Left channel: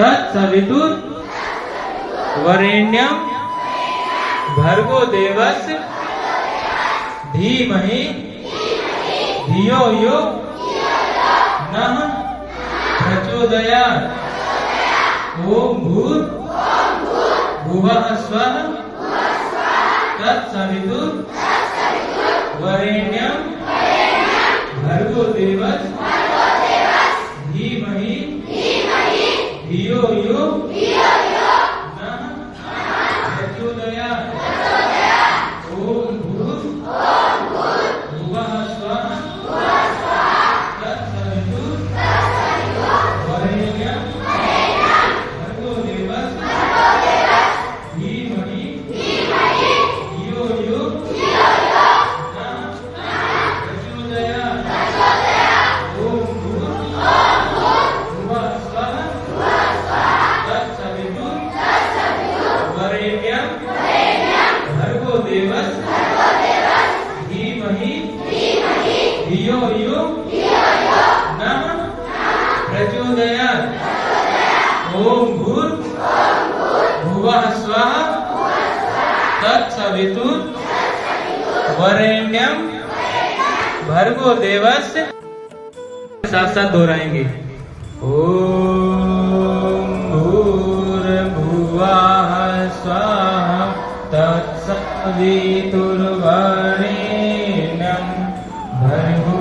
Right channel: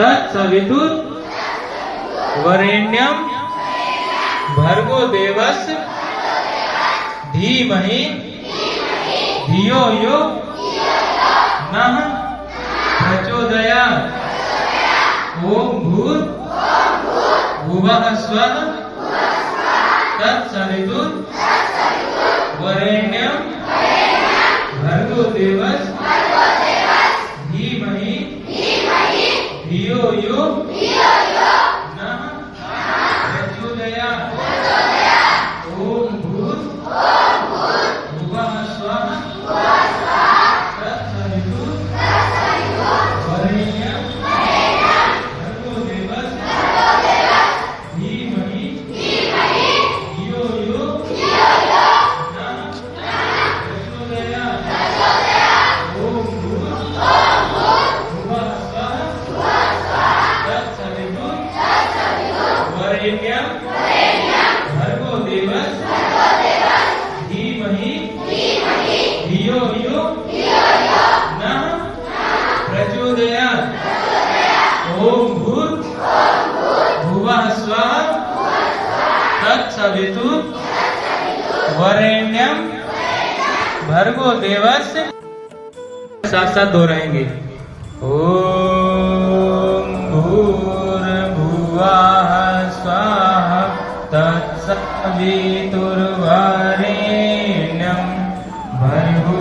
तत्सवितुर वरेण्यम भर्गो देवस्य धीमहि धियो यो नः प्रचोदयात्। ओम भूत् भुवः स्वः तत्सवितुर वरेण्यम भर्गो देवस्य धीमहि धियो यो नः प्रचोदयात्। ओम भूत् भुवः स्वः तत्सवितुर वरेण्यम भर्गो देवस्य धीमहि धियो यो नः प्रचोदयात्। ओम भूत् भुवः स्वः तत्सवितुर वरेण्यम भर्गो देवस्य धीमहि धियो यो नः प्रचोदयात्। ओम भूत् भुवः स्वः तत्सवितुर वरेण्यम भर्गो देवस्य। साथ साथ दोहराएंगे। ओम भूर्भुवः स्वः तत्सवितुर्वरेण्यं भर्गो